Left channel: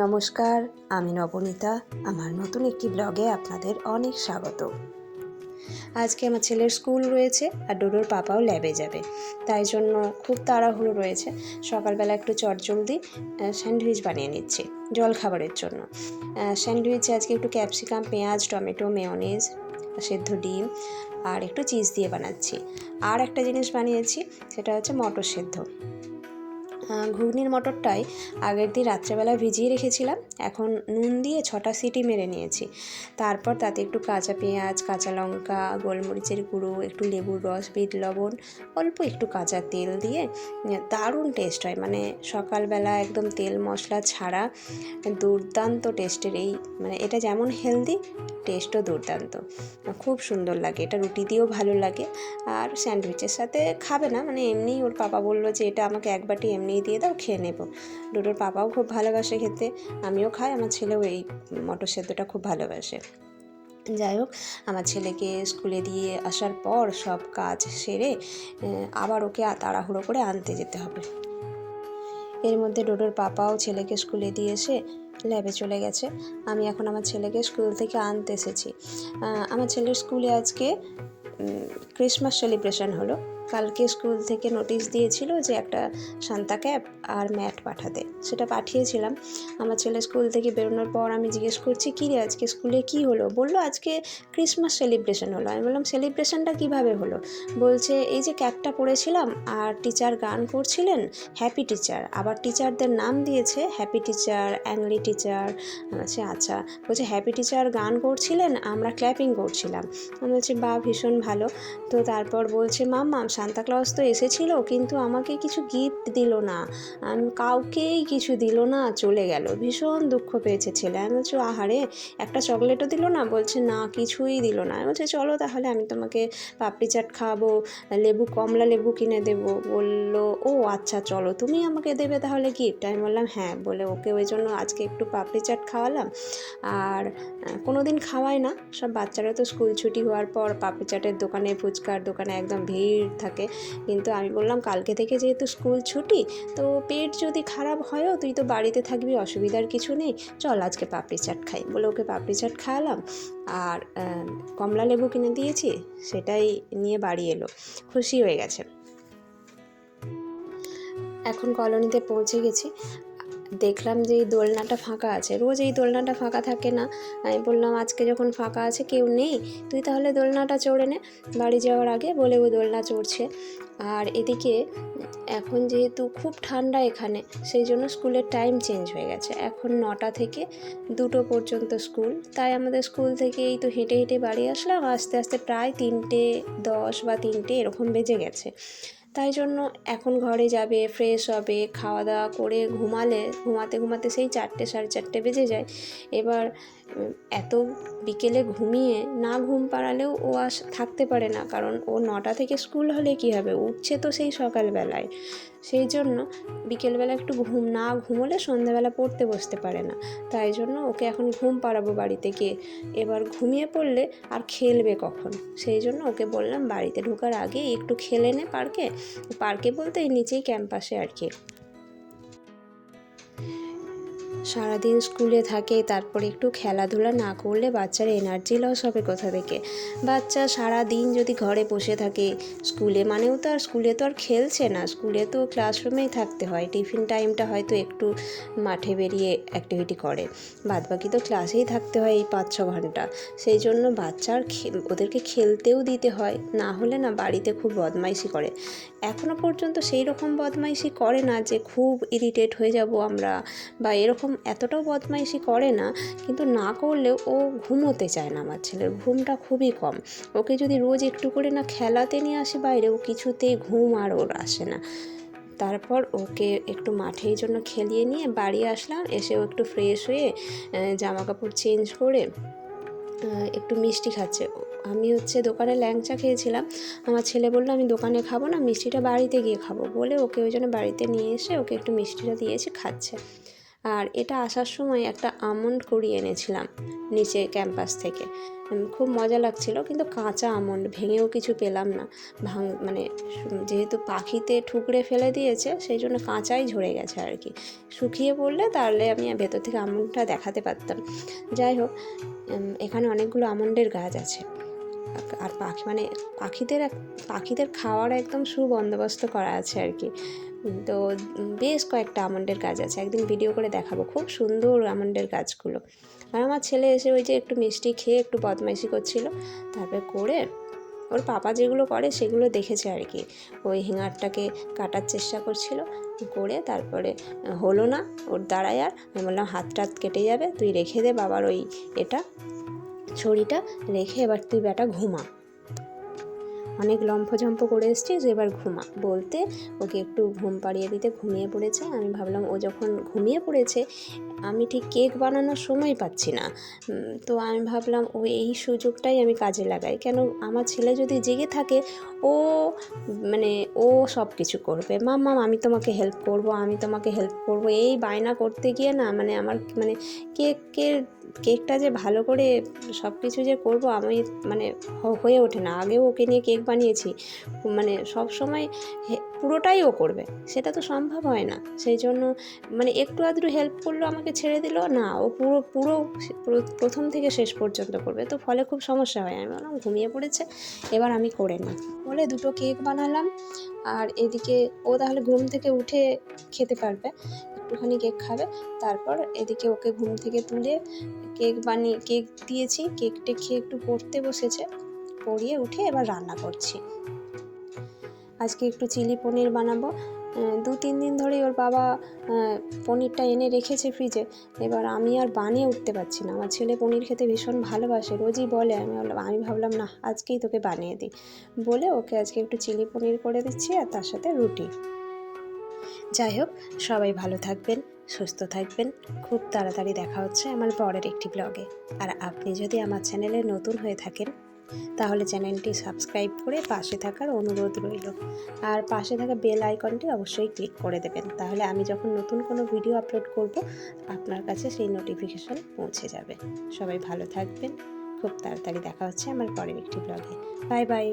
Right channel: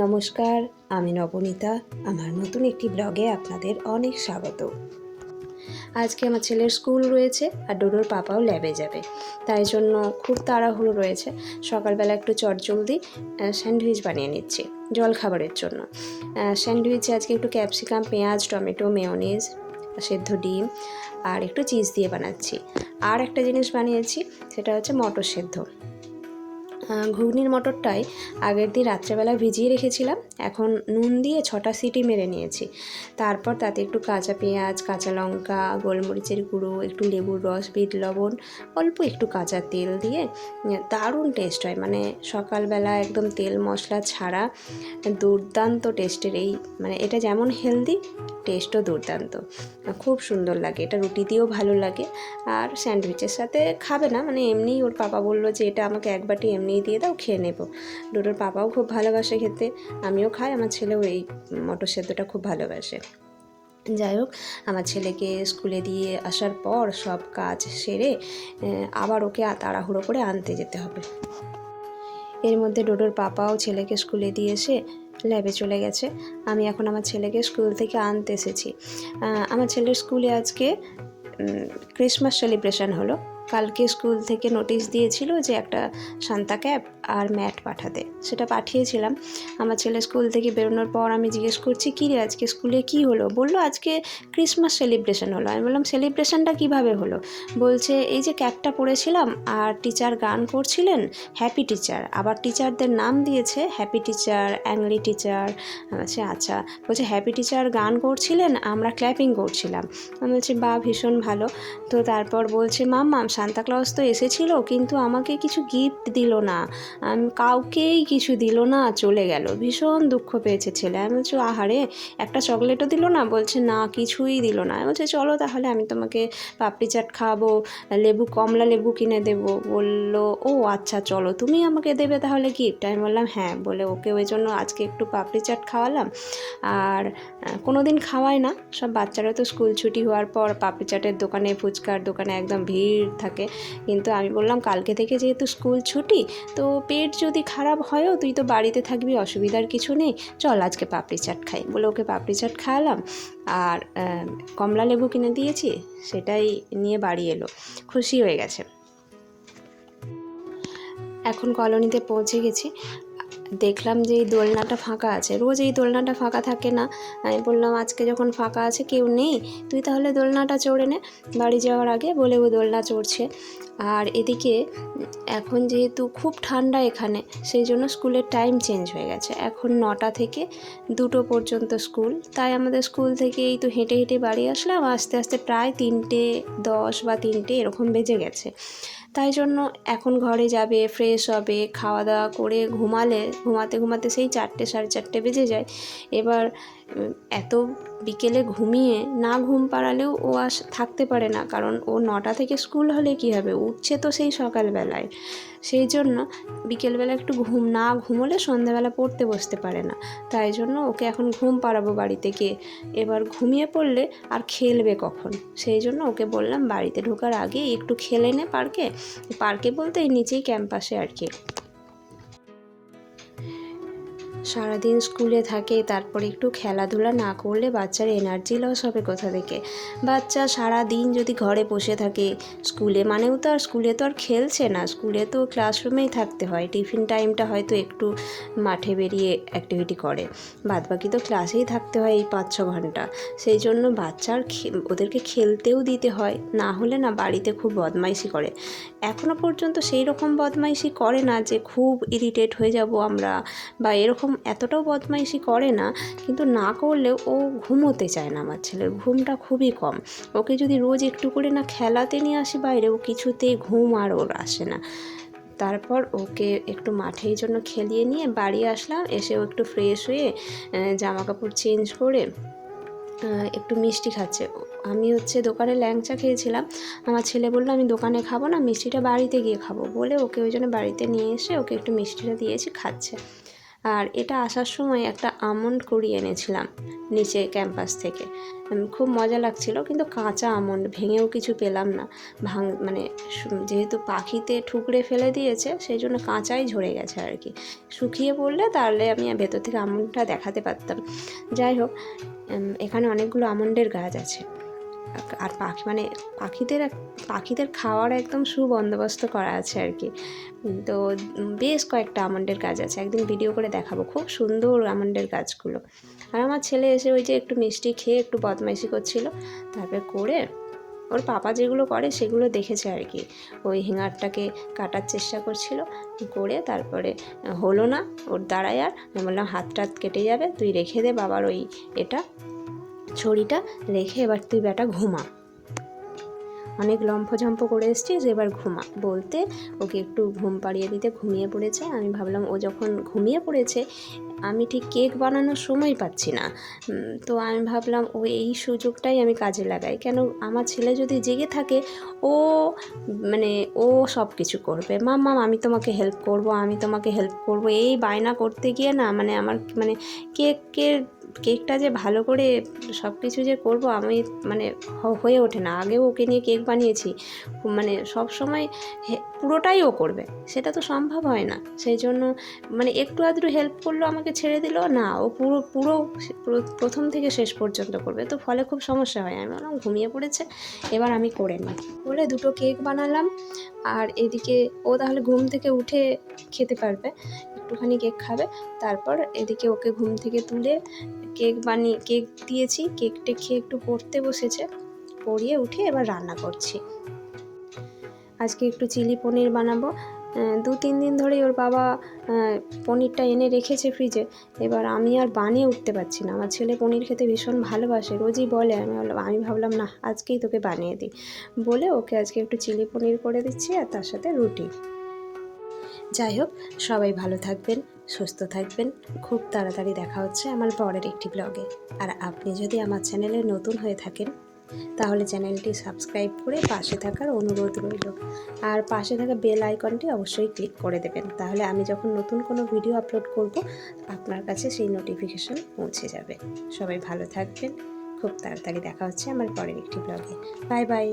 নমস্কার, আমি নবনীতা। আমার নতুন একটি ব্লগে আপনাদের অনেক স্বাগত। আজকে আমার ছেলের স্কুল রয়েছে আর ডোডোর পাপাও ল্যাবে যাবে। তাই জন্য খুব তাড়াহুড়ো রয়েছে। সকালবেলা একটু চটজলদি স্যান্ডউইচ বানিয়ে নিচ্ছি জল খাবারের জন্য স্যান্ডউইচে আজকে একটু ক্যাপসিকাম, পেঁয়াজ, টমেটো, মেয়নিজ, সেদ্ধ ডিম আর একটু চিজ দিয়ে বানাচ্ছি। আর একটা জিনিস বানিয়েছি, সেটা হচ্ছে মটর সেদ্ধ। ঘুগনির মটরটাই আগের দিন রাত্রেবেলা ভিজিয়ে রেখেছিলাম। এখন নুন দিয়ে ছটা সিটি মেরে নিয়েছি। তারপর তাতে একটু কাঁচা পেঁয়াজ, কাঁচা লঙ্কা, গোলমরিচের গুঁড়ো, একটু লেবুর রস, বিট লবণ, অল্প একটু কাঁচা তেল দিয়ে দারুণ টেস্ট হয়। মানে সকালবেলা একদম তেল মশলা ছাড়া দুর্দান্ত টেস্টের এই মানে এটা যেমন হেলদি টেস্টও দুর্দান্ত। খুব সুন্দর লাগে। এটা রুটি দিয়েও ভালো লাগে। আর স্যান্ডউইচের সাথে খাবে না। মানে এমনি ওর পাপা বলল যে এটা আমাকে এক বাটি এমনিই দিয়ে দাও, খেয়ে নেব। ডোডোর পাপাও খুব ভালোবাসে খেতে, আমিও খাই, আমার ছেলেও এই মটর সেদ্ধটা খুব ভালোবাসে। যাই হোক, আমার ছেলেকে স্কুলে দিয়ে আসার পর সব কাজ সেরে আবার ওকে তাড়াহুড়ো করে আনতে যেতে হবে। এর মধ্যে ডোডোর পাপাও ছেলেকে স্কুলে দিয়ে এসে ল্যাবে চলে গেছে। আমি এখন আমার ছেলেকে স্কুল থেকে আনতে এসেছি। আমার ছেলের স্কুলে আজকে ক্রিসমাস সেলিব্রেশন হলো। কালকে স্কুল থেকে নোটিশ দিয়েছিল যে একটা সান্তা ক্যাপ আর ম্যাট পাঠাতে। সেটা পাঠিয়েছিলাম। আমার ছেলে স্কুল থেকে বেরোনোর পর আমি জিজ্ঞেস করছি, কী রে আজকে স্কুলে কি হলো? বলল, আজকে ক্রিসমাস সেলিব্রেশন হলো। আমি বললাম, সেলিব্রেশনটা কীভাবে হলো? বলছে, এই যে ক্যাপটা পড়েছিলাম আর টিচার গান করছিলেন, হ্যাপি টিচার। আবার টিচারদের নাম দিয়েছে, হ্যাপি টিচার, অ্যাংলি টিচার। আচ্ছা আচ্ছা। বলছে, হ্যাপি টিচার গান করছিলেন, আমরা ক্ল্যাপিং করছিলাম। আমি বলছি বা ভীষণ ভালো। তো তারপর বলছে মাম্মাম সান্তা ক্লজ তো এসেছিল, কিন্তু আমাকে কিছু গিফট দিল না। কাউকেই কিছু দিল না, চলে গেল। ভীষণ দুঃখ পেয়েছে ছেলে। আমি বলছি, আহারে, একটা চকলেটও দিল না? বলছে, না, কিছুই দিল না। আমি বলছি, চলো তাহলে, আমি তোমাকে পাপড়ি চাট খাওয়াবো লেবু, কমলা লেবু কিনে দেবো। বলল, ও আচ্ছা চলো, তুমি আমাকে দেবে তাহলে গিফট আমি বললাম হ্যাঁ। বলে, ওকে, ওই জন্য আজকে একটু পাপড়ি চাট খাওয়ালাম। আর কোনো দিন খাওয়াই না। সব বাচ্চারা তো স্কুল ছুটি হওয়ার পর পাপড়ি চাটের দোকানে, ফুচকার দোকানে একদম ভিড় থাকে। কিন্তু আমি বললাম, কালকে থেকে যেহেতু স্কুল ছুটি, তো পেট যদি খারাপ হয়ও তুই তো বাড়িতে থাকবি, অসুবিধার কিছু নেই। চল আজকে পাপড়ি চাট খাই। বলে ওকে পাপড়ি চাট খাওয়ালাম। আর কমলা লেবু কিনে দিয়েছি, সেটাই নিয়ে বাড়ি এলো। খুশি হয়ে গেছে। এখন কলোনিতে পৌঁছে গেছি। দেখলাম যে এই দোলনাটা ফাঁকা আছে। রোজ এই দোলনাটা ফাঁকা থাকে না। আমি বললাম, আজকে যখন ফাঁকা আছে, কেউ নেই? তুই তাহলে দোলনাটা চড়ে নে। বাড়ি যাওয়ার আগে বলে ওই দোলনা চড়ছে। আর এদিকে এখন যেহেতু খুব ঠান্ডা এখানে, সেই জন্য স্কুলের টাইম চেঞ্জ হয়ে গেছে। এখন নটা থেকে দুটো পর্যন্ত স্কুল। তাই আমাদের স্কুল থেকে এই তো হেঁটে হেঁটে বাড়ি আসলাম। আস্তে আস্তে প্রায় তিনটে দশ বা তিনটে এরকম বেজে গেছে। তাই জন্য এখন ঘরে যাবে ফ্রেশ হবে খাওয়া দাওয়া করে ঘুমালে, ঘুমাতে ঘুমাতে সেই চারটে, সাড়ে চারটে বেজে যায়। এবার এত বিকেলে ঘুমিয়ে না ঘুম পাড়ালেও ও আস থাকতে পারে না। কারণ ও নটা থেকে স্কুল হলে কী হবে? উঠছে তো সেই সকালবেলায়। সেই জন্য বিকেলবেলা একটু ঘুম না ঘুমোলে সন্ধেবেলা পড়তে বসতে পারে না। তাই জন্য ওকে এখন ঘুম পাড়াবো বাড়িতে গিয়ে। এবার ঘুমিয়ে পড়লে আর খেলবে কখন? সেই জন্য ওকে বললাম, বাড়িতে ঢোকার আগে একটু খেলে নে পার্কে। পার্কে বলতে এই নিচেই ক্যাম্পাসে আর কি। সারাদিন স্কুলে থাকে, তারপরে একটু খেলাধুলা না করলে বাচ্চার এনার্জি লস হবে কোথা থেকে? বাচ্চা সারা দিন যদি ঘরে বসে থাকে, স্কুলে মানেও তো আর স্কুলে তো আর খেলছে না। স্কুলে তো ক্লাসরুমেই থাকতে হয়। টিফিন টাইমটা হয়তো একটু মাঠে বেরিয়ে অ্যাক্টিভিটি করে। বাদ বাকি তো ক্লাসেই থাকতে হয় এই পাঁচ ছ ঘণ্টা। সেই জন্য বাচ্চার ওদেরকে খেলতেও দিতে হয়, না হলে না বাড়িতে খুব বদমাইশি করে। এখনও পর্যন্ত সেই রকম বদমাইশি করে না যে খুব ইরিটেট হয়ে যাব আমরা, বা এরকম এতটাও বদমাইশি করে না, কিন্তু না করলেও ও ঘুমোতে চায় না আমার ছেলের। ঘুমটা খুবই কম। ওকে যদি রোজ একটু করে না খেলাতে নিয়ে আসি বাইরে, ও কিছুতে ঘুম আর ওর আসে না। তারপর ওকে একটু মাঠের জন্য খেলিয়ে নিয়ে বাড়ি আসলাম। এসে ও একটু ফ্রেশ হয়ে জামা কাপড় চেঞ্জ করে একটু মিষ্টি খাচ্ছে। আমি হচ্ছে দোকানে ল্যাংচা খেয়েছিলাম। আমার ছেলে বলল, আমি দোকানে খাব না, মিষ্টিটা বাড়িতে গিয়ে খাব। বলে ওকে ওই জন্য বাড়িতে নিয়ে এসে ওকে একটু মিষ্টিটা দিয়েছি, খাচ্ছে। আর এটা আসার সময় একটা আমন্ড কুড়ি এনেছিলাম নিচে ক্যাম্পাস থেকে। খুব মজা লাগছিল, কিন্তু কাঁচা আমন্ড ভেঙেও কিছু পেলাম না। ভাঙ মানে যেহেতু পাখিতে ঠুকরে ফেলে দিয়েছে, সেই জন্য কাঁচাই ঝরে গেছে আর কি। শুকিয়ে পড়লে তাহলে আমি ভেতর থেকে আমন্ডটা দেখাতে পারতাম। যাই হোক এখানে অনেকগুলো আমন্ডের গাছ আছে। আর পাখি মানে পাখিদের পাখিদের খাওয়ার একদম সুবন্দোবস্ত করা আছে আর কি। তো বেশ কয়েকটা আমন্ডের গাছ আছে, একদিন ভিডিও করে দেখাবো। খুব সুন্দর আমন্ডের গাছগুলো। আর আমার ছেলে এসে ওই যে একটু মিষ্টি খেয়ে একটু বদমাইশি করছিল, তারপরে করে ওর পাপা যেগুলো করে সেগুলো দেখেছে আর কি। ওই হিঙারটাকে কাটার চেষ্টা করছিল, করে তারপরে হলো না, ওর দ্বারাই আর আমি বললাম হাত টাত কেটে যাবে, তুই রেখে দে বাবার ওই এটা। ছড়িটা রেখে এবার তুই বেটা ঘুমা। অনেক লম্ফঝম্প করে এসছিস, এবার ঘুমা। বলতে ওকে একটু ঘুম পাড়িয়ে দিতে ঘুমিয়ে পড়েছে। আমি ভাবলাম ও যখন ঘুমিয়ে পড়েছে, আমি ঠিক কেক বানানোর সময় পাচ্ছি না। তো আমি ভাবলাম ও এই সুযোগটাই আমি কাজে লাগাই। কেন আমার ছেলে যদি জেগে থাকে, ও মানে ও সব কিছু করবে। মাম্মাম আমি তোমাকে হেল্প করব, আমি তোমাকে হেল্প করব। এই বায়না করতে গিয়ে না মানে আমার মানে কেকের কেকটা যে ভালো করে সব কিছু যে করব আমি মানে হয়ে ওঠে না। আগেও ওকে নিয়ে কেক বানিয়েছি মানে সব সময় পুরোটাই ও করবে। সেটা তো সম্ভব হয় না। সেই জন্য মানে একটু আধটু হেল্প করল আমাকে ছেড়ে দিল, না, ও পুরো পুরো পুরো- প্রথম থেকে শেষ পর্যন্ত করবে। তো ফলে খুব সমস্যা হয়। আমি বললাম, ঘুমিয়ে পড়েছে, এবার আমি করে নিই। করে দুটো কেক বানালাম, আর এদিকে ও তাহলে ঘুম থেকে উঠে খেতে পারবে। একটুখানি কেক খাবে। তারপর এদিকে ওকে ঘুম থেকে তুলে কেক বানিয়ে কেক দিয়েছি। কেকটা খেয়ে একটু পড়তে বসেছে। পড়িয়ে উঠে এবার রান্না করছি। আজকে একটু চিলি পনির বানাবো। দু, তিন দিন ধরে ওর বাবা পনিরটা এনে রেখেছে ফ্রিজে এবার আমি আর বানিয়ে উঠতে পারছি না। আমার ছেলে পনির খেতে ভীষণ ভালোবাসে। রোজই বলে, আমি আমি ভাবলাম, না, আজকেই তোকে বানিয়ে দিই। বলে ওকে আজকে একটু চিলি পনির করে দিচ্ছি আর তার সাথে রুটি। যাই হোক, সবাই ভালো থাকবেন, সুস্থ থাকবেন। খুব তাড়াতাড়ি দেখা হচ্ছে আমার পরের একটি ব্লগে আর আপনি যদি আমার চ্যানেলে নতুন হয়ে থাকেন, তাহলে চ্যানেলটি সাবস্ক্রাইব করে পাশে থাকার অনুরোধ রইল। আর পাশে থাকা বেল আইকনটি অবশ্যই ক্লিক করে দেবেন। তাহলে আমি যখন নতুন কোনো ভিডিও আপলোড করব, আপনার কাছে সেই নোটিফিকেশন পৌঁছে যাবে। সবাই ভালো থাকবেন। খুব তাড়াতাড়ি দেখা হচ্ছে আমার পরের একটি ব্লগে বাই বাই